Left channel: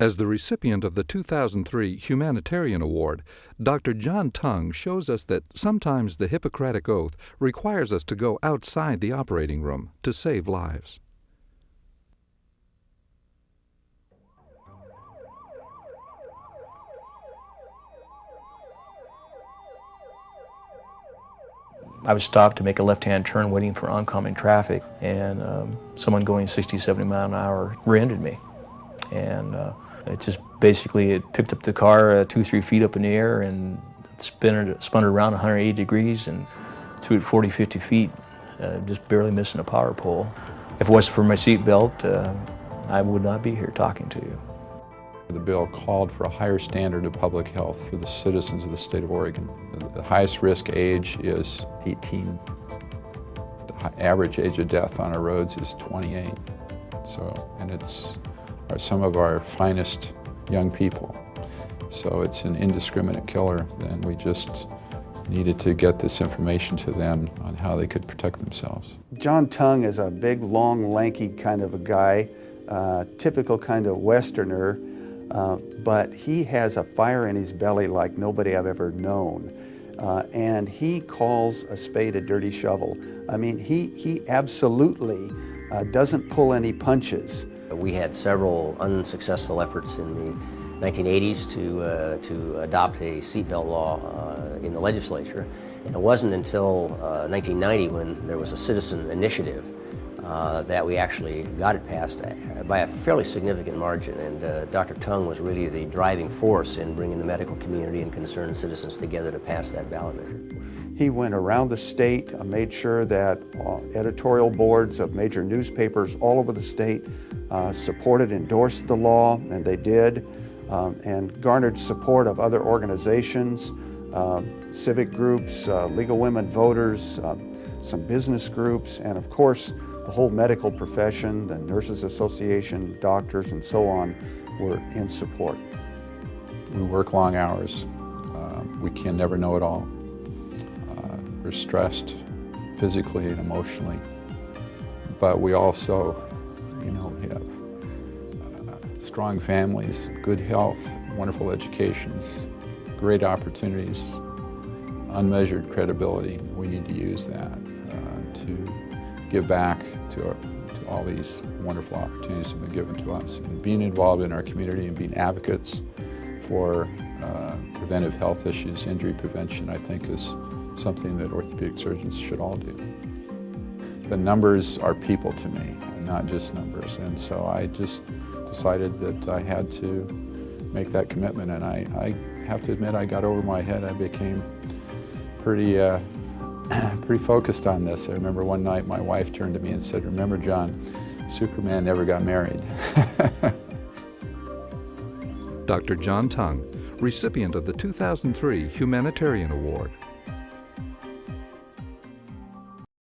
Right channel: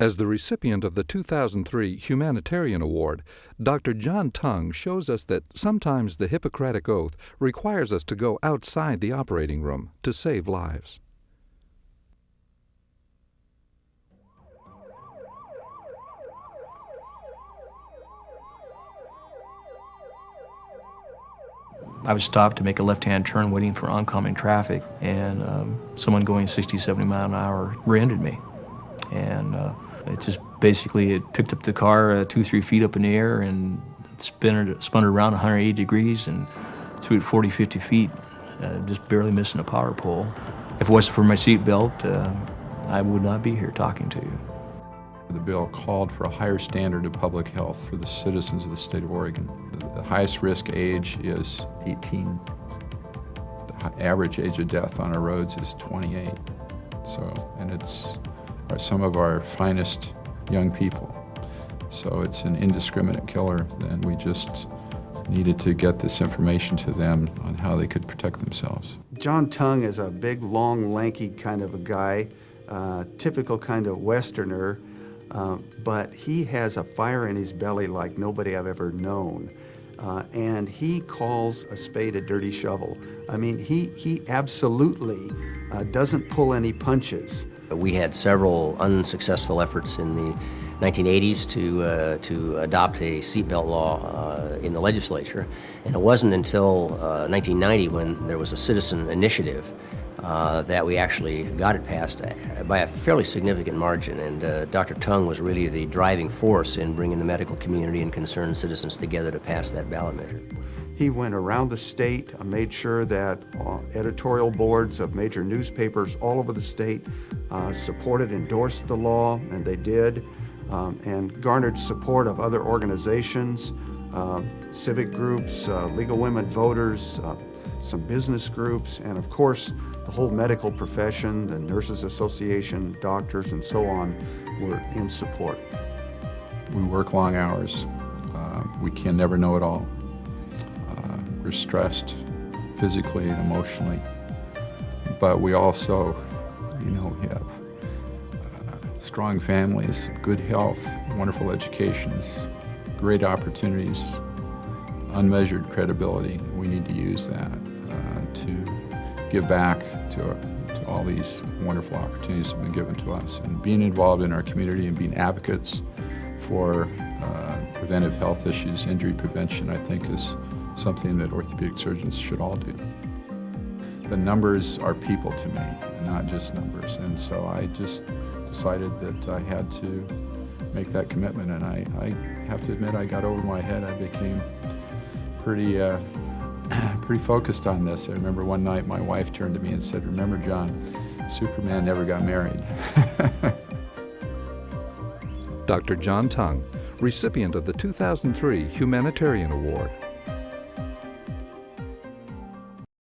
As the recipient of the 2003 Humanitarian Award, Dr. John Tung shows us that sometimes the Hippocratic Oath requires us to go outside the operating room to save lives. I was stopped to make a left-hand turn waiting for oncoming traffic, and someone going 60, 70 miles an hour rear-ended me. And it just basically, it picked up the car 2-3 feet up in the air and spun it around 180 degrees and threw it 40, 50 feet, just barely missing a power pole. If it wasn't for my seatbelt, I would not be here talking to you. The bill called for a higher standard of public health for the citizens of the state of Oregon. The highest risk age is 18. The average age of death on our roads is 28. And it's some of our finest young people. So it's an indiscriminate killer, and we just needed to get this information to them on how they could protect themselves. John Tung is a big, long, lanky kind of a guy, typical kind of Westerner. But he has a fire in his belly like nobody I've ever known. And he calls a spade a dirty shovel. I mean, he absolutely doesn't pull any punches. We had several unsuccessful efforts in the 1980s to adopt a seatbelt law in the legislature. And it wasn't until 1990 when there was a citizen initiative that we actually got it passed by a fairly significant margin, and Dr. Tung was really the driving force in bringing the medical community and concerned citizens together to pass that ballot measure. He went around the state, made sure that editorial boards of major newspapers all over the state supported, endorsed the law, and they did, and garnered support of other organizations, civic groups, Legal Women Voters, some business groups, and of course, the whole medical profession, the Nurses Association, doctors, and so on, were in support. We work long hours. We can never know it all. We're stressed physically and emotionally, but we also, have strong families, good health, wonderful educations, great opportunities, unmeasured credibility. We need to use that to give back to all these wonderful opportunities that have been given to us. And being involved in our community and being advocates for preventive health issues, injury prevention, I think is something that orthopedic surgeons should all do. The numbers are people to me, not just numbers. And so I just decided that I had to make that commitment. And I have to admit, I got over my head. I became pretty focused on this. I remember one night my wife turned to me and said, "Remember, John, Superman never got married." Dr. John Tung, recipient of the 2003 Humanitarian Award.